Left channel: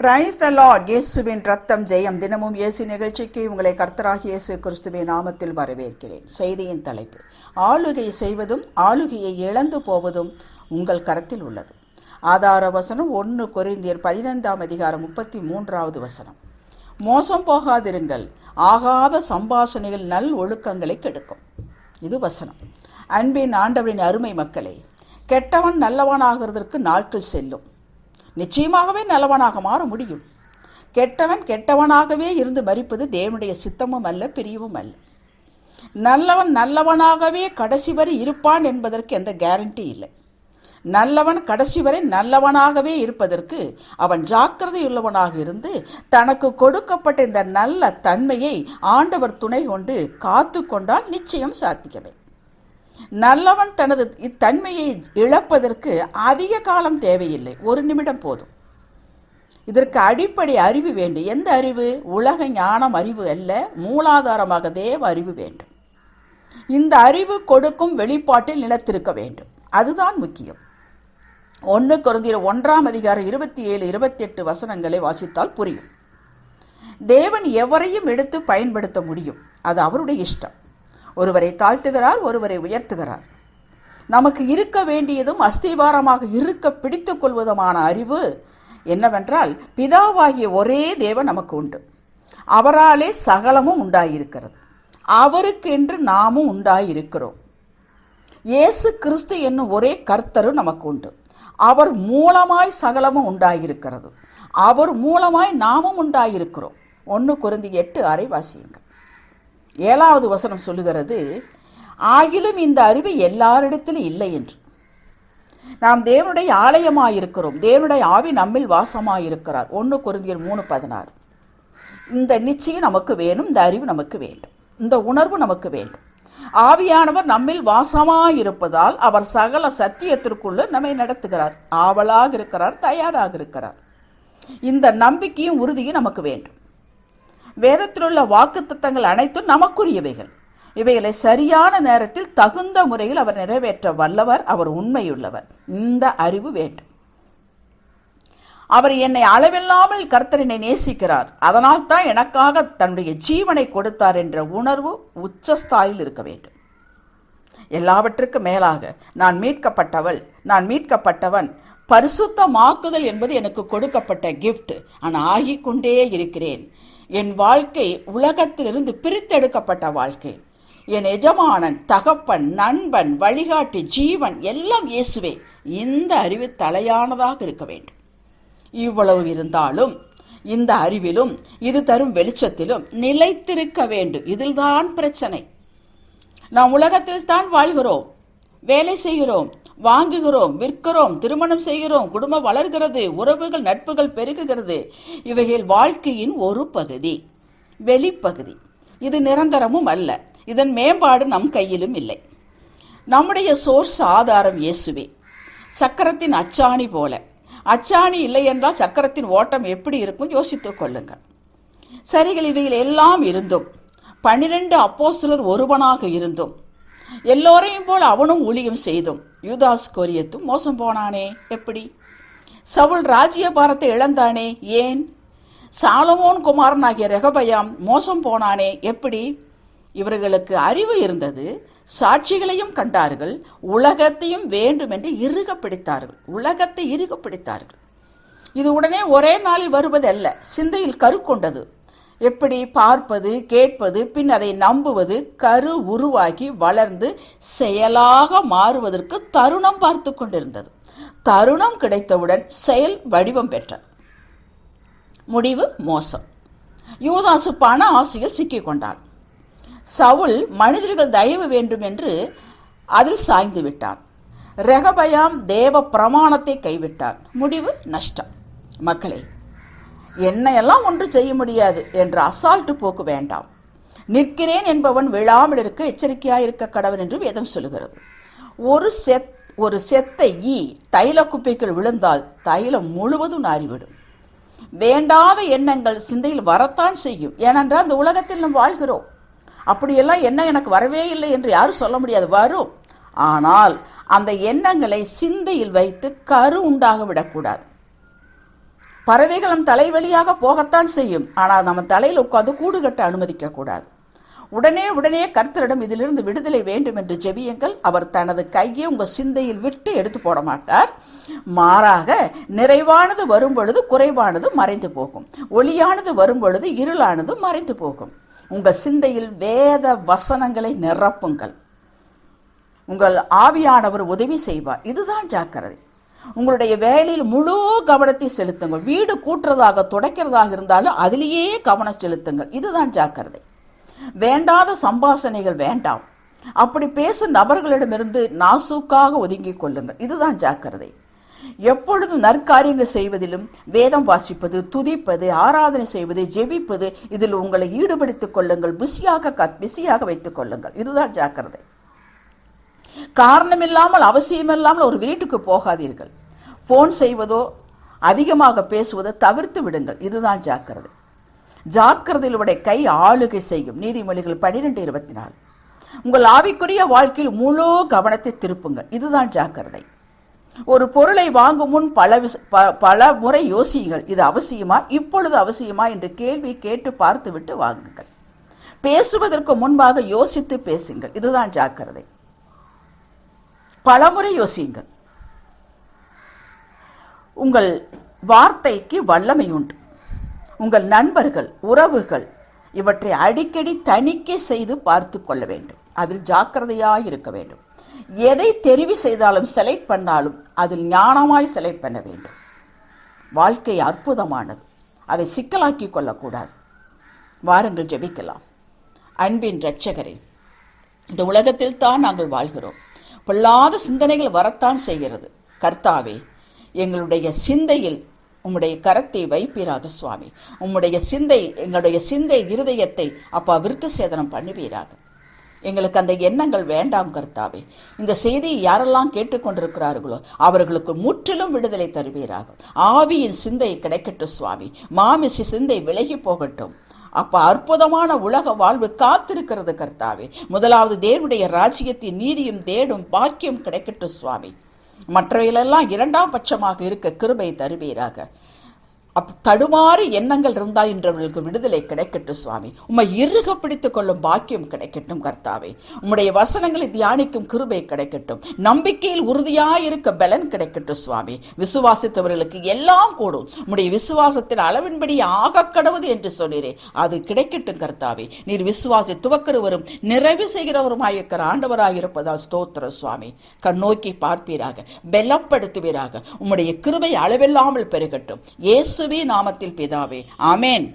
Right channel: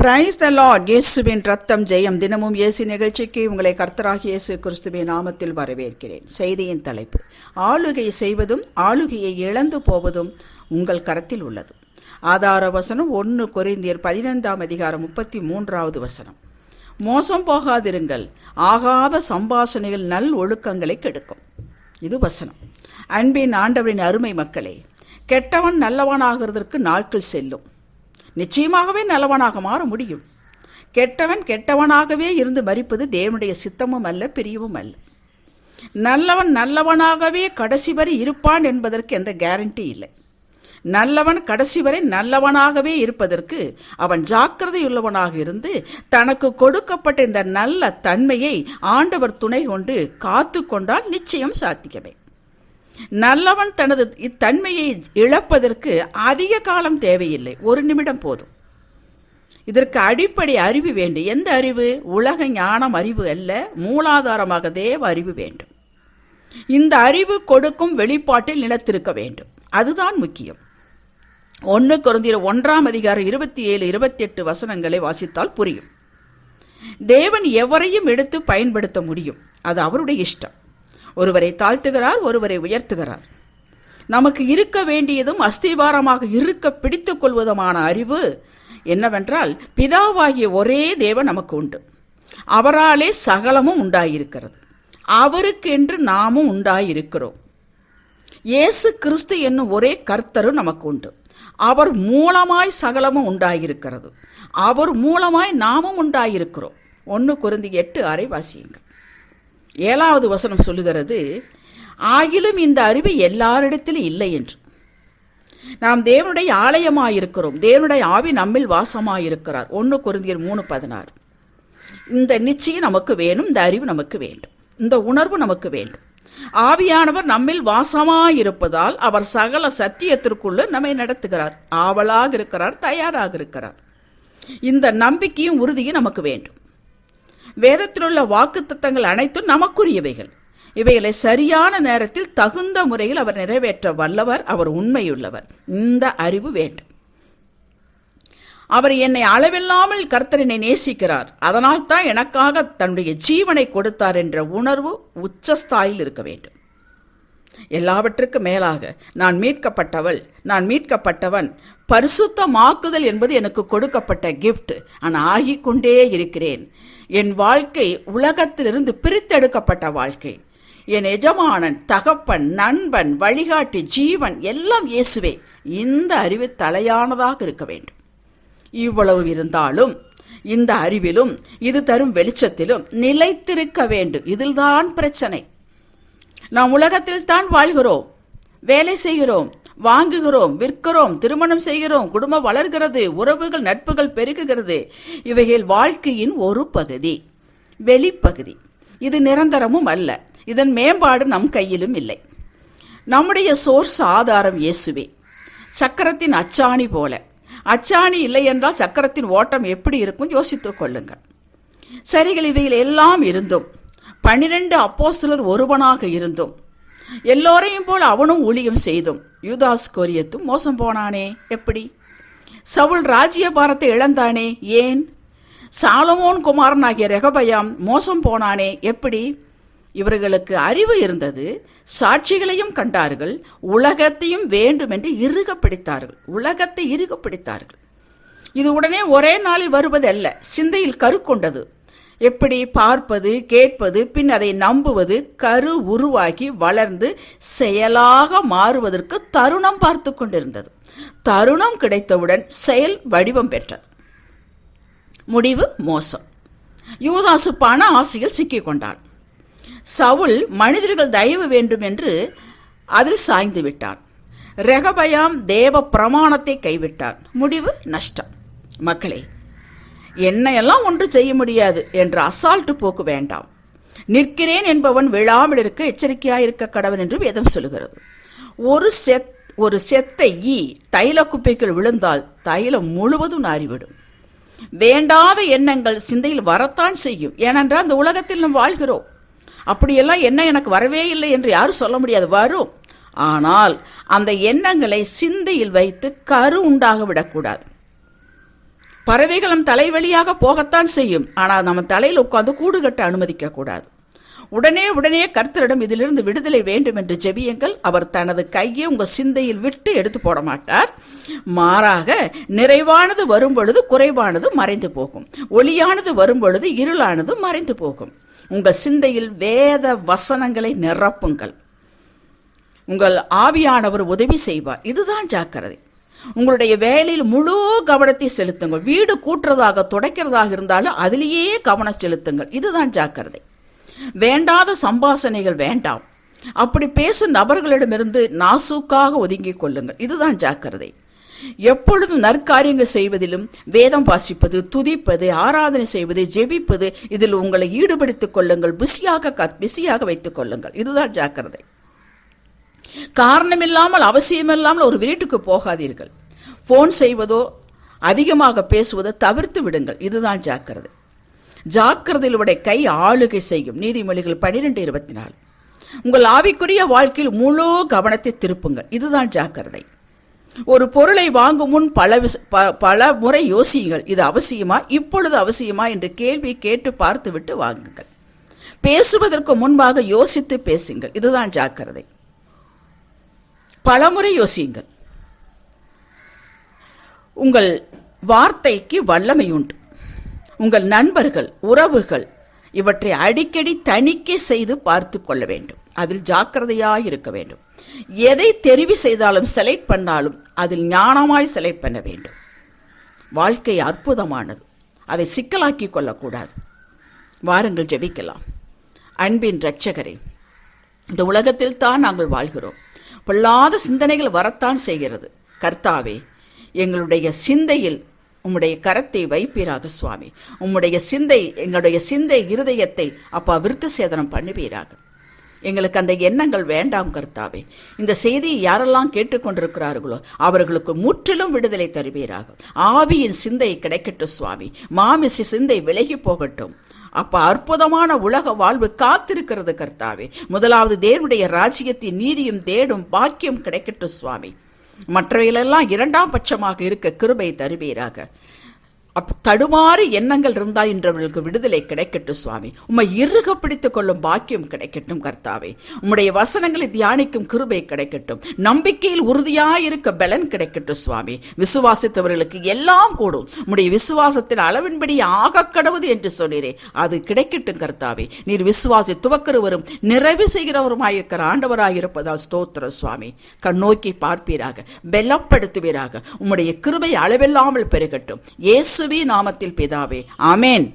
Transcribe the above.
Praise the Lord இயேசுவின் ரத்தம் ஜெயம். தினமும் இயேசு நிகழ்ச்சிக்கு உங்களை கர்த்தராகிய இயேசு கிறிஸ்துவின் நாமத்தில் வரவேற்கிறேன். செய்தியின் தலைப்பு ஆளுகை செய்வதும் ஆளுகையை இழந்து போவதும் உங்கள் கரத்தில் உள்ளது. ஆதார வசனம் ஒன்று குறைந்தியர் பதினைந்தாம் அதிகாரம் முப்பத்தி மூன்றாவது வசனம். மோசம் போகாதிருங்கள். ஆகாத சம்பாஷணைகள் நல் ஒழுக்கங்களை கெடுக்கும். இது வசனம். அன்பின் ஆண்டவரின் அருமை மக்களே கெட்டவன் நல்லவனாகிறதற்கு நாட்கள் செல்லும். நிச்சயமாகவே நல்லவனாக மாற முடியும். கெட்டவன் கெட்டவனாகவே இருந்து மறிப்பது தேவனுடைய சித்தமும் அல்ல பிரியவும் அல்ல. நல்லவன் நல்லவனாகவே கடைசி வரை இருப்பான் என்பதற்கு எந்த கேரண்டி இல்லை. நல்லவன் கடைசி வரை நல்லவனாகவே இருப்பதற்கு அவன் ஜாக்கிரதையுள்ளவனாக இருந்து தனக்கு கொடுக்கப்பட்ட இந்த நல்ல தன்மையை ஆண்டவர் துணை கொண்டு காத்து கொண்டால் நிச்சயம் சாத்திக்கவே நல்லவன் தனது இத்தன்மையை இழப்பதற்கு அதிக காலம் தேவையில்லை. ஒரு நிமிடம் போதும். இதற்கு அடிப்படை அறிவு வேண்டும். எந்த அறிவு? உலக ஞானம் அறிவு அல்ல. மூலாதாரமாக தேவ அறிவு வேண்டும். இந்த அறிவு கொடுக்கும் வெளிப்பாட்டில் நிலத்திருக்க வேண்டும். அதுதான் முக்கியம். ஒன்று குறைந்த ஒன்றாம் அதிகாரம் இருபத்தி ஏழு இருபத்தி எட்டு வசனங்களை வாசித்தால் புரியும். தேவன் எவரையும் எடுத்து பயன்படுத்த முடியும். அது அவருடைய இஷ்டம். ஒருவரை தாழ்த்துகிறார் ஒருவரை உயர்த்துகிறார். நமக்கு இருக்க வேண்டியதும் அஸ்திபாரமாக இருக்க பிடித்துக் கொள்வதுமான அறிவு என்னவென்றால் பிதாவாகிய ஒரே தேவன் நமக்கு உண்டு. அவராலே சகலமும் உண்டாயிருக்கிறது. அவருக்கு என்று நாமும் உண்டாயிருக்கிறோம். இயேசு கிறிஸ்து என்னும் ஒரே கர்த்தரும் நமக்கு உண்டு. அவர் மூலமாய் சகலமும் உண்டாயிருக்கிறது. அவர் மூலமாய் நாமும் உண்டாயிருக்கிறோம். ஒன்று குருந்தி எட்டு அறை வாசியுங்கள். ஏழாவது வசனம் சொல்லுகிறது ஆகிலும் இந்த அறிவு எல்லாரிடத்திலும் இல்லை என்று. நாம் தேவனுடைய ஆலயமாயிருக்கிறோம். தேவனுடைய ஆவி நம்மில் வாசமாயிருக்கிறார். ஒன்று குருந்தியர் மூணு பதினாறு. இந்த நிச்சயம் நமக்கு வேணும் இந்த அறிவு நமக்கு வேண்டும். இந்த உணர்வு நமக்கு வேண்டும். ஆவியானவர் நம்மில் வாசமாயிருப்பதால் அவர் சகல சத்தியத்திற்குள்ள நம்மை நடத்துகிறார். ஆவலாக இருக்கிறார் தயாராக இருக்கிறார். இந்த நம்பிக்கையும் உறுதியும் நமக்கு வேண்டும். வேதத்திலுள்ள வாக்குத்தத்தங்கள் அனைத்தும் நமக்குரியவைகள். இவைகளை சரியான நேரத்தில் தகுந்த முறையில் அவர் நிறைவேற்ற வல்லவர் அவர் உண்மையுள்ளவர். இந்த அறிவு வேண்டும். அவர் என்னை அளவில்லாமல் கர்த்தரனை நேசிக்கிறார். அதனால் தான் எனக்காக தன்னுடைய ஜீவனை கொடுத்தார் என்ற உணர்வு உச்சஸ்தாயில் இருக்க வேண்டும். எல்லாவற்றுக்கும் மேலாக நான் மீட்கப்பட்டவள் நான் மீட்கப்பட்டவன் பரிசுத்தமாக்குதல் என்பது எனக்கு கொடுக்கப்பட்ட கிஃப்ட் நான் ஆகிக்கொண்டே இருக்கிறேன். என் வாழ்க்கை உலகத்திலிருந்து பிரித்தெடுக்கப்பட்ட வாழ்க்கை. என் எஜமானன் தகப்பன் நண்பன் வழிகாட்டி ஜீவன் எல்லாம் இயேசுவே இந்த அறிவு தலையானதாக இருக்க வேண்டும். இவ்வளவு இருந்தாலும் இந்த அறிவிலும் இது தரும் வெளிச்சத்திலும் நிலைத்திருக்க வேண்டும். இதில்தான் பிரச்சனை. நாம் உலகத்தில் தான் வாழ்கிறோம். வேலை செய்கிறோம் வாங்குகிறோம் விற்கிறோம் திருமணம் செய்கிறோம் குடும்பம் வளர்கிறது உறவுகள் நட்புகள் பெருகுகிறது. இவைகள் வாழ்க்கையின் ஒரு பகுதி வெளிப்பகுதி. இது நிரந்தரமும் அல்ல. இதன் மேம்பாடு நம் கையிலும் இல்லை. நம்முடைய சோர்ஸ் ஆதாரம் இயேசுவே. சக்கரத்தின் அச்சாணி போல. அச்சாணி இல்லை என்றால் சக்கரத்தின் ஓட்டம் எப்படி இருக்கும் யோசித்துக் கொள்ளுங்கள். சரிகள் இவைகள் எல்லாம் இருந்தும் பன்னிரண்டு அப்போஸ்தலர் ஒருவனாக இருந்தும் எல்லோரையும் போல் அவனும் ஊழியம் செய்தும். யூதாஸ் கோரியத்தும் மோசம் போனானே எப்படி? சவுல் ராஜ்ய பாரத்தை இழந்தானே ஏன்? சாலமோன் குமாரனாகிய ரெகபயாம் மோசம் போனானே எப்படி? இவர்களுக்கு அறிவு இருந்தது சாட்சிகளையும் கண்டார்கள் உலகத்தையும் வேண்டும் என்று இறுக பிடித்தார்கள் உலகத்தை இறுக பிடித்தார்கள் இது உடனே ஒரே நாளில் வருவதல்ல சிந்தையில் கருக்கொண்டது. எப்படி பார்ப்பது கேட்பது பின் அதை நம்புவது கரு உருவாகி வளர்ந்து செயலாக மாறுவதற்கு தருணம் பார்த்து கொண்டிருந்தது. தருணம் கிடைத்தவுடன் செயல் வடிவம் பெற்றது. முடிவு மோசம். யூதாசு பண ஆசையில் சிக்கிக் கொண்டார் சவுல் மனிதர்கள் தயவு வேண்டும் என்று அதில் சாய்ந்து விட்டான். ரெகபயாம் தேவ பிரமாணத்தை கைவிட்டார் முடிவு நஷ்டம். மக்களே என்னையெல்லாம் ஒன்று செய்ய முடியாது என்ற அசால்ட்டு போக்கு வேண்டாம். நிற்கிறேன் என்பவன் விழாமல் இருக்க எச்சரிக்கையாயிருக்க கடவன் என்று வேதம் சொல்லுகிறது. ஒரு செத் ஒரு செத்த ஈ தைல குப்பைக்குள் விழுந்தால் தைலம் முழுவதும் நாறிவிடும். வேண்டாத எண்ணங்கள் சிந்தையில் வரத்தான் செய்யும். ஏனென்றால் அந்த உலகத்தில் நாம் வாழ்கிறோம். அப்படியெல்லாம் என்ன எனக்கு வரவே இல்லை என்று யாரும் சொல்ல முடியாது. வரும். ஆனால் அந்த எண்ணங்களை சிந்தையில் வைத்து கரு உண்டாக விடக்கூடாது. பறவைகள் நம் தலை வழியாக போகத்தான் செய்யும். ஆனால் நம்ம தலையில் உட்கார்ந்து கூடு கட்ட அனுமதிக்க கூடாது. உடனே உடனே கர்த்தரிடம் இதிலிருந்து விடுதலை வேண்டும் என்று ஜெபியுங்கள். அவர் தனது கையை உங்கள் சிந்தையில் விட்டு எடுத்து போட மாட்டார். மாறாக நிறைவானது வரும் பொழுது குறைவானது மறைந்து போகும். ஒளியானது வரும் பொழுது இருளானது மறைந்து போகும். உங்கள் சிந்தையில் வேத வசனங்களை நிரப்புங்கள். உங்கள் ஆவியானவர் உதவி செய்வார். இதுதான் ஜாக்கிரதை. உங்களுடைய வேலையில் முழு கவனத்தை செலுத்துங்கள். வீடு கூட்டுறதாக துடைக்கிறதாக இருந்தாலும் அதிலேயே கவனம் செலுத்துங்கள். இதுதான் ஜாக்கிரதை. வேண்டாத சம்பாசனைகள் வேண்டாம். அப்படி பேசும் நபர்களிடமிருந்து நாசூக்காக ஒதுங்கிக் கொள்ளுங்கள். இதுதான் ஜாக்கிரதை. எப்பொழுதும் நற்காரியங்கள் செய்வதிலும் வேதம் வாசிப்பது துதிப்பது ஆராதனை செய்வது ஜெபிப்பது இதில் உங்களை ஈடுபடுத்திக் கொள்ளுங்கள். பிஸியாக பிஸியாக வைத்துக் கொள்ளுங்கள். இதுதான் ஜாக்கிரதை. காரணமில்லாமல் அவசியமில்லாமல் ஒரு வீட்டுக்கு போகாதீர்கள். ஃபோன் செய்வதோ அதிகமாக பேசுவதோ தவிர்த்து விடுங்கள். இதுதான் ஜாக்கிரதை. ஜாக்கிரதையில் உடைய கை ஆளுகை செய்யும். நீதிமொழிகள் பனிரெண்டு இருபத்தி நாலு உங்கள் ஆவிக்குரிய வாழ்க்கையில் முழு கவனத்தை திருப்புங்கள். இதுதான் ஜாக்கிரதை. ஒரு பொருளை வாங்கும் முன் பல விச- ப- பல முறை யோசியுங்கள். இது அவசியமா? இப்பொழுது அவசியமா? என்று கேள்வி கேட்டு பார்த்துவிட்டு வாங்குங்கள். பேசுவதற்கு முன்பாக யோசித்து பேசுங்கள். இதுதான் ஜாக்கிரதை. பலமுறை யோசியுங்கள். உங்கள் வார்த்தைக்கு வல்லமை உண்டு. உங்கள் நண்பர்கள் உறவுகள் இவற்றை அடிக்கடி தணிக்கை செய்து பார்த்து கொள்ள வேண்டும். அதில் ஜாக்கிரதையாக இருக்க வேண்டும். எதை தெரிவு செய்தாலும் செலக்ட் பண்ணாலும் அதில் ஞானமாய் செலக்ட் பண்ண வேண்டும். வாழ்க்கை அற்புதமானது. அதை சிக்கலாக்கி கொள்ளக்கூடாது. வாருங்கள் ஜெபிக்கலாம். அன்பின் இரட்சகரே இந்த உலகத்தில் தான் நாங்கள் வாழ்கிறோம். பொல்லாத சிந்தனைகள் வரத்தான் செய்கிறது. கர்த்தாவே எங்களுடைய சிந்தையில் உம்முடைய கரத்தை வைப்பீராக சுவாமி. உம்முடைய சிந்தை எங்களுடைய சிந்தை இருதயத்தை அப்பா விருத்து சேதனம் பண்ணுவீராக. எங்களுக்கு அந்த எண்ணங்கள் வேண்டாம் கர்த்தாவே. இந்த செய்தியை யாரெல்லாம் கேட்டுக்கொண்டிருக்கிறார்களோ அவர்களுக்கு முற்றிலும் விடுதலை தருவீராக. ஆவியின் சிந்தை கிடைக்கட்டும் சுவாமி. மாமிசி சிந்தை விலகி போகட்டும். அப்போ அற்புதமான உலக வாழ்வு காத்திருக்கிறது கர்த்தாவே. முதலாவது தேவனுடைய ராஜ்யத்தின் நீதியும் தேடும் பாக்கியம் கிடைக்கட்டும் சுவாமி. மற்றவையிலெல்லாம் இரண்டாம் பட்சமாக இருக்க கிருபை தருவீராக. அப் தடுமாறு எண்ணங்கள் இருந்தால் இன்றவர்களுக்கு விடுதலை கிடைக்கட்டும் சுவாமி. உம்மை இறுக பிடித்துக் கொள்ளும் பாக்கியம் கிடைக்கட்டும் கர்த்தாவே. உம்முடைய வசனங்களை தியானிக்கும் கிருபை கிடைக்கட்டும். நம்பிக்கையில் உறுதியாயிருக்க பலன் கிடைக்கட்டும் சுவாமி. விசுவாசித்தவர்களுக்கு எல்லாம் கூடும். உம்முடைய விசுவாசத்தில் அளவின்படி ஆக கடவுது என்று சொன்னீரே. அது கிடைக்கட்டும் கர்த்தாவே. நீர் விசுவாசி துவக்கிறவரும் நிறைவு செய்கிறவருமாயிருக்கிற ஆண்டவராயிருப்பதால் ஸ்தோத்திரம் சுவாமி. கண்ணோக்கி பார்ப்பீராக பலப்படுத்துவீராக. உம்முடைய கிருபை அளவில்லாமல் பெருகட்டும். இயேசு இயேசுவி நாமத்தில் பிதாவே. ஆமென்.